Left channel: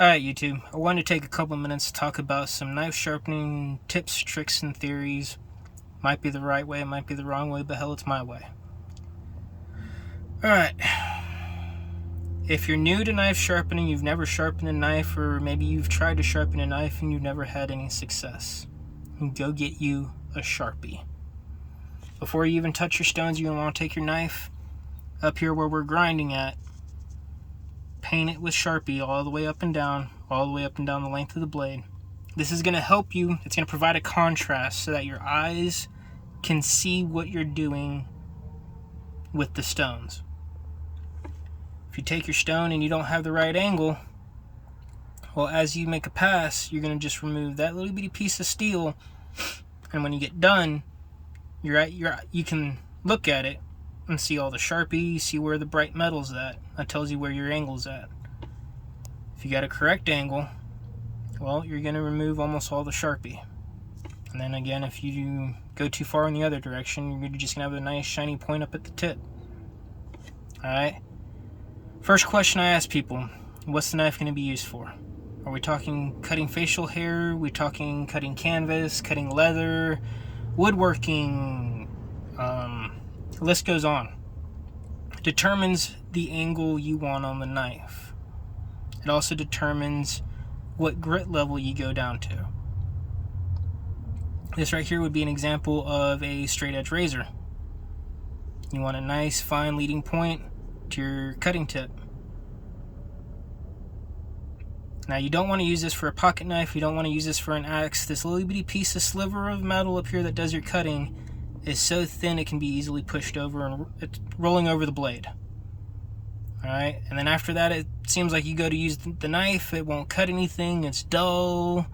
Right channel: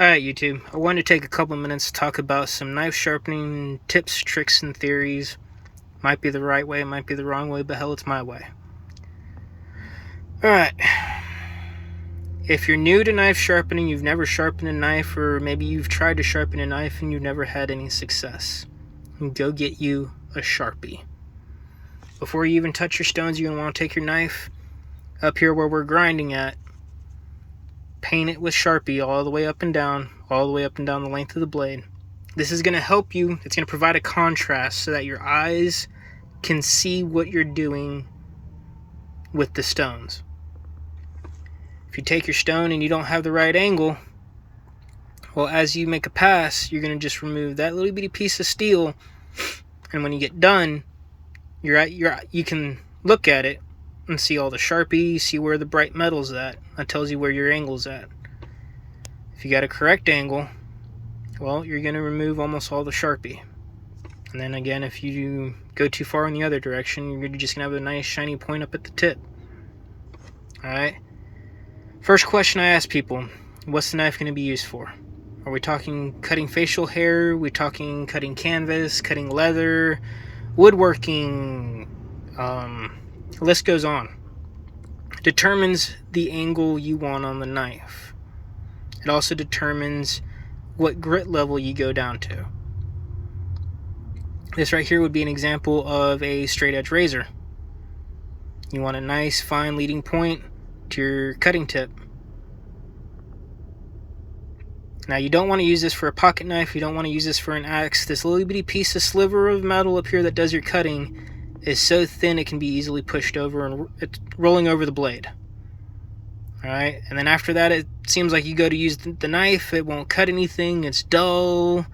Alright YouTube, I wanted to take a couple minutes to talk about some knife sharpening tips, tricks, and theories. Might be the right way, might be the wrong way, but hell, it's my way. Alright, if you're new to knife sharpening, you've never sharpened a knife, or maybe you've tried to sharpen a knife and you've never had any success, go get you a Sharpie. Before you even touch your stones, you're going to want to take your knife up here where we're grinding at, paint it with Sharpie all the way up and down the length of the blade. This is going to help you. It's going to provide a contrast so that your eyes can see what you're doing with the stones. If you take your stone and you don't have the right angle, well, as you make a pass, you're going to just remove that little bitty piece of steel, and when you get done, you can look at it and see all the Sharpie, see where the bright metal's at. That tells you where your angle's at. If you got a correct angle, well, you're going to remove almost all the Sharpie. And then again, if you go too far in the other direction, you're just going to have a nice shiny point up at the tip. Alright? First question I ask people, what's the knife going to be used for? Are we talking cutting facial hair? Are we talking cutting canvas, cutting leather, woodworking? The list goes on. It determines the angle you want on the knife. It also determines what grit level you go down to. This right here would be an example of a straight edge razor. You want a nice fine leading point to your cutting tip. Now you don't want to use this for a pocket knife, you don't want to use this for an axe. This little bitty piece of sliver of metal up here that does your cutting is so thin it can be easily pushed over and it's rolling over the blade. Alright, and then after that it seems like you go to use the knife, it won't cut anything, it's dull,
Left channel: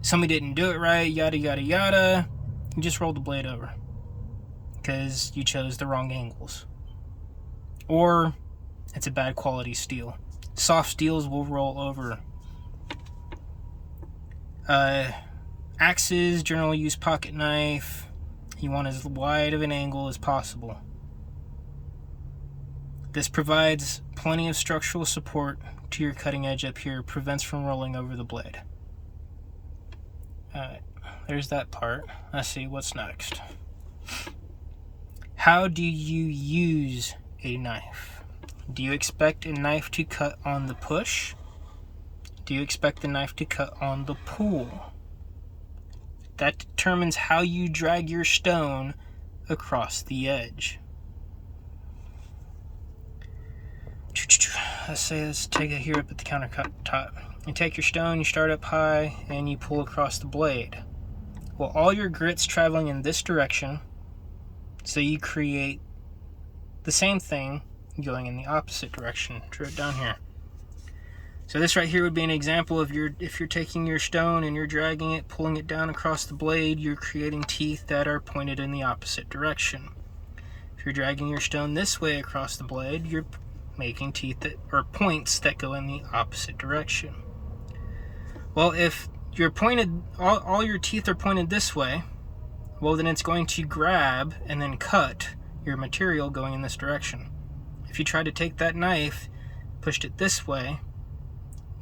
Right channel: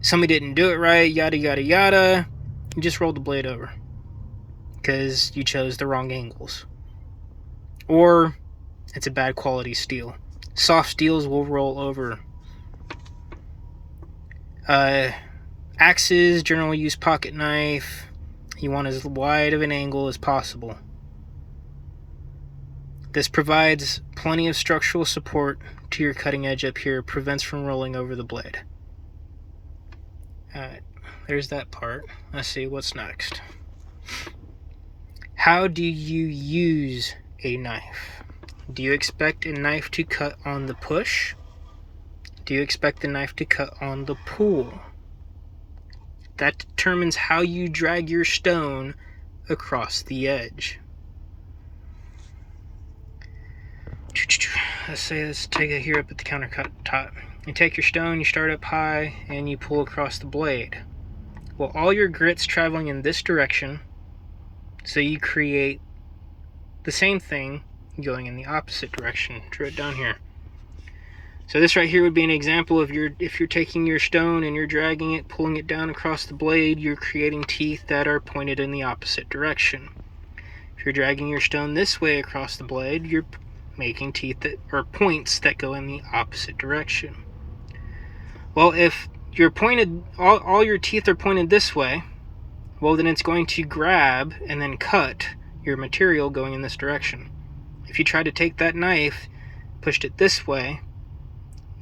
somebody didn't do it right, yada yada yada. You just rolled the blade over because you chose the wrong angles. Or it's a bad quality steel. Soft steels will roll over. Axes generally use pocket knife. You want as wide of an angle as possible. This provides plenty of structural support to your cutting edge up here, prevents from rolling over the blade. Alright, there's that part. Let's see what's next. How do you use a knife? Do you expect a knife to cut on the push? Do you expect the knife to cut on the pull? That determines how you drag your stone across the edge. Let's take it here up at the countertop. You take your stone, you start up high, and you pull across the blade. Well, all your grit's traveling in this direction, so you create the same thing going in the opposite direction. Draw it down here. So this right here would be an example of if you're taking your stone and you're dragging it, pulling it down across the blade, you're creating teeth that are pointed in the opposite direction. If you're dragging your stone this way across the blade, you're making teeth that are points that go in the opposite direction. Well, if you're pointed, all your teeth are pointed this way, well then it's going to grab and then cut your material going in this direction. If you try to take that knife, pushed it this way,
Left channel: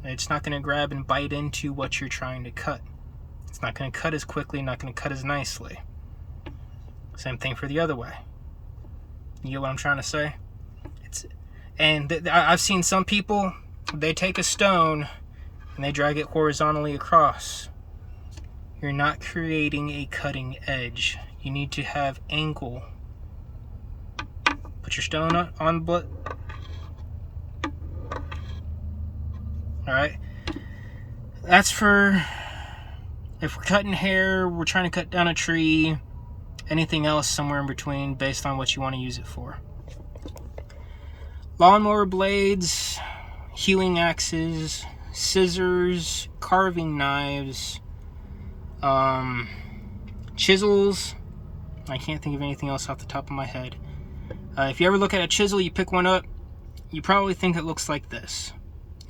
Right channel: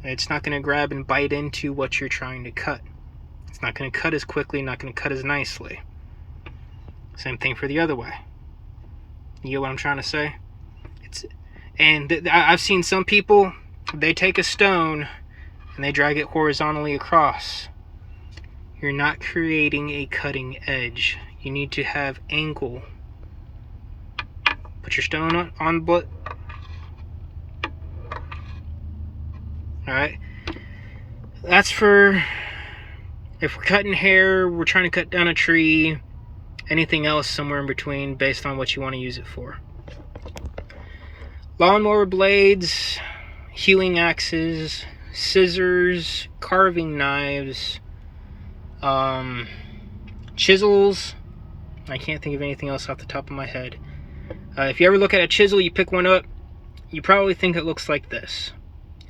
it's not going to grab and bite into what you're trying to cut. It's not going to cut as quickly, not going to cut as nicely. Same thing for the other way. You get what I'm trying to say? I've seen some people, they take a stone and they drag it horizontally across. You're not creating a cutting edge. You need to have angle. Put your stone on Alright, that's for if we're cutting hair, we're trying to cut down a tree, anything else somewhere in between based on what you want to use it for. Lawnmower blades, hewing axes, scissors, carving knives, chisels. I can't think of anything else off the top of my head. If you ever look at a chisel, you pick one up, you probably think it looks like this.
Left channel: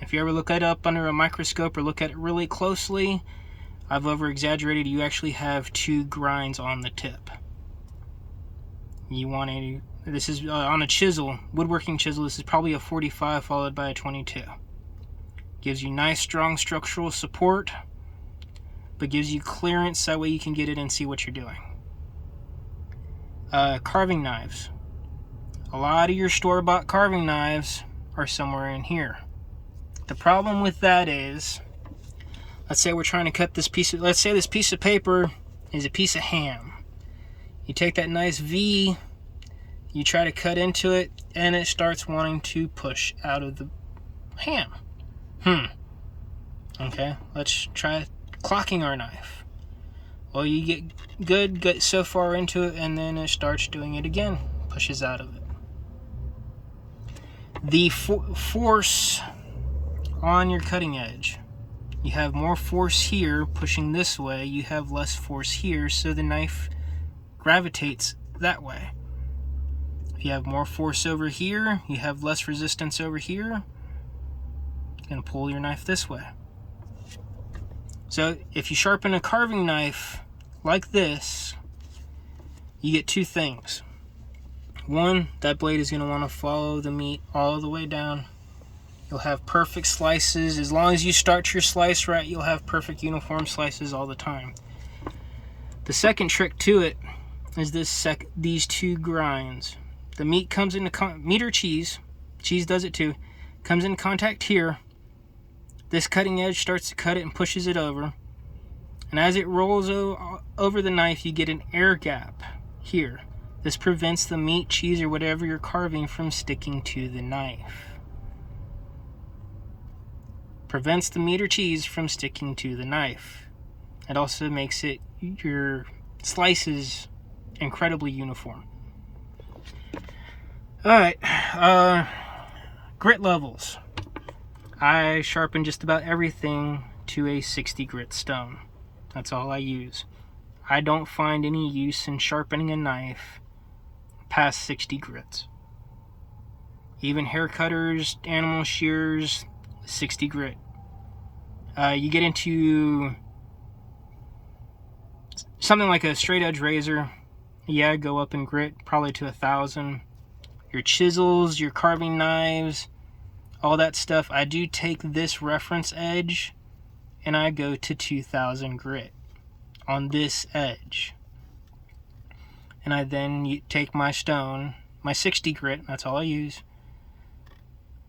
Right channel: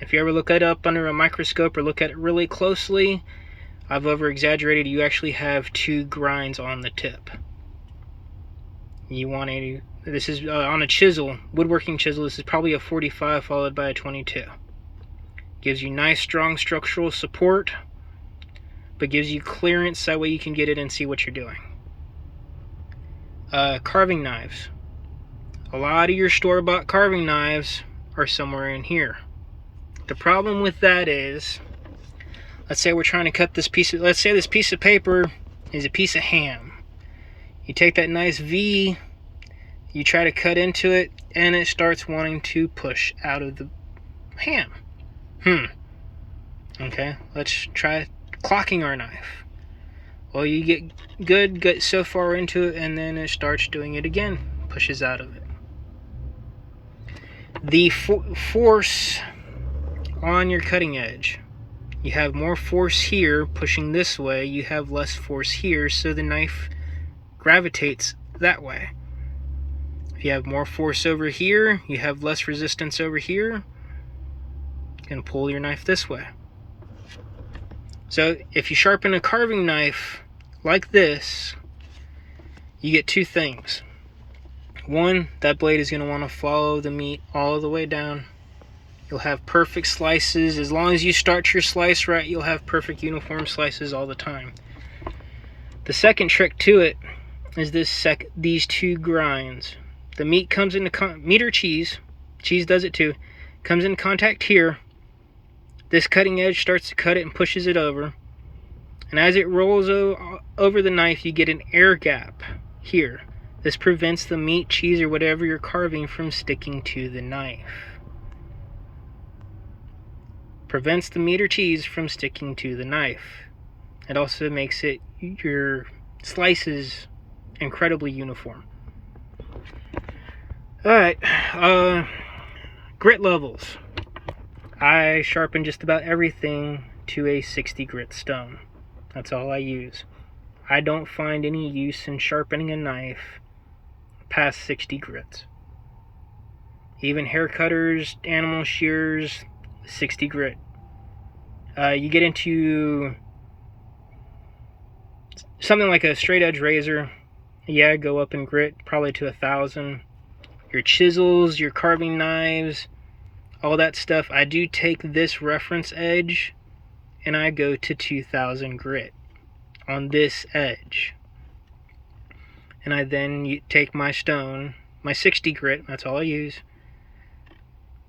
If you ever look it up under a microscope or look at it really closely, I've over-exaggerated. You actually have two grinds on the tip. You want this is on a chisel, woodworking chisel, this is probably a 45 followed by a 22. Gives you nice strong structural support, but gives you clearance, that way you can get it and see what you're doing. Carving knives. A lot of your store-bought carving knives are somewhere in here. The problem with that is, let's say we're trying to cut this piece of, let's say this piece of paper is a piece of ham. You take that nice V, you try to cut into it, and it starts wanting to push out of the ham. Okay, let's try clocking our knife. Well, you get so far into it, and then it starts doing it again, pushes out of it. The force on your cutting edge. You have more force here pushing this way, you have less force here, so the knife gravitates that way. If you have more force over here, you have less resistance over here, it's going to pull your knife this way. So if you sharpen a carving knife like this, you get two things. One, that blade is going to want to follow the meat all the way down. You'll have perfect slices. As long as you start your slice right, you'll have perfect uniform slices all the time. The second trick to it is these two grinds. The meat comes into meat or cheese does it too, comes in contact here. This cutting edge starts to cut it and pushes it over. And as it rolls over the knife, you get an air gap here. This prevents the meat, cheese, or whatever you're carving from sticking to the knife. Prevents the meat or cheese from sticking to the knife. It also makes your slices incredibly uniform. Alright, grit levels. I sharpen just about everything to a 60 grit stone. That's all I use. I don't find any use in sharpening a knife past 60 grits. Even hair cutters, animal shears, 60 grit. You get into something like a straight edge razor, yeah, go up in grit probably to 1,000. Your chisels, your carving knives, all that stuff, I do take this reference edge and I go to 2,000 grit on this edge. And I then take my stone, my 60 grit, that's all I use,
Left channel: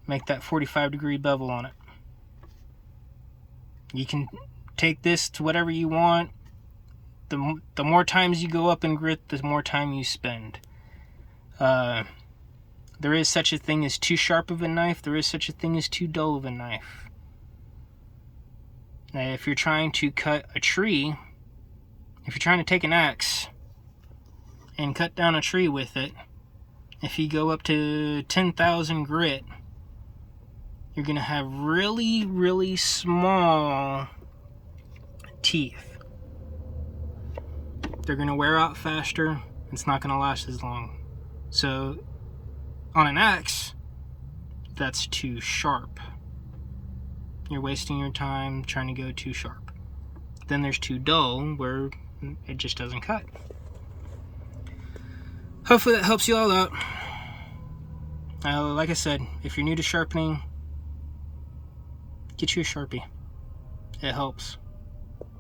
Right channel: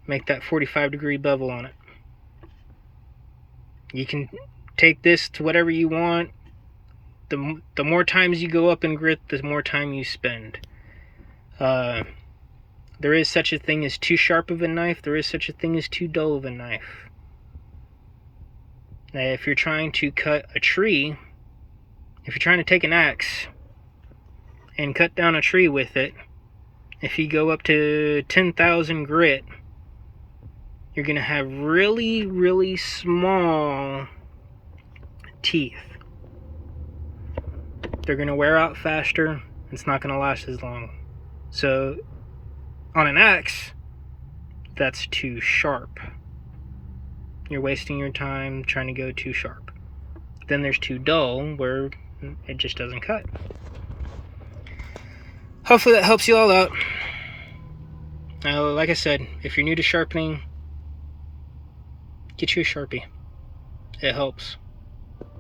make that 45-degree bevel on it. You can take this to whatever you want. The more times you go up in grit, the more time you spend. There is such a thing as too sharp of a knife. There is such a thing as too dull of a knife. Now, if you're trying to cut a tree, if you're trying to take an axe and cut down a tree with it, if you go up to 10,000 grit, you're going to have really, really small teeth. They're going to wear out faster. It's not going to last as long. So on an axe, that's too sharp. You're wasting your time trying to go too sharp. Then there's too dull, where it just doesn't cut. Hopefully that helps you all out. Like I said, if you're new to sharpening, get you a Sharpie. It helps.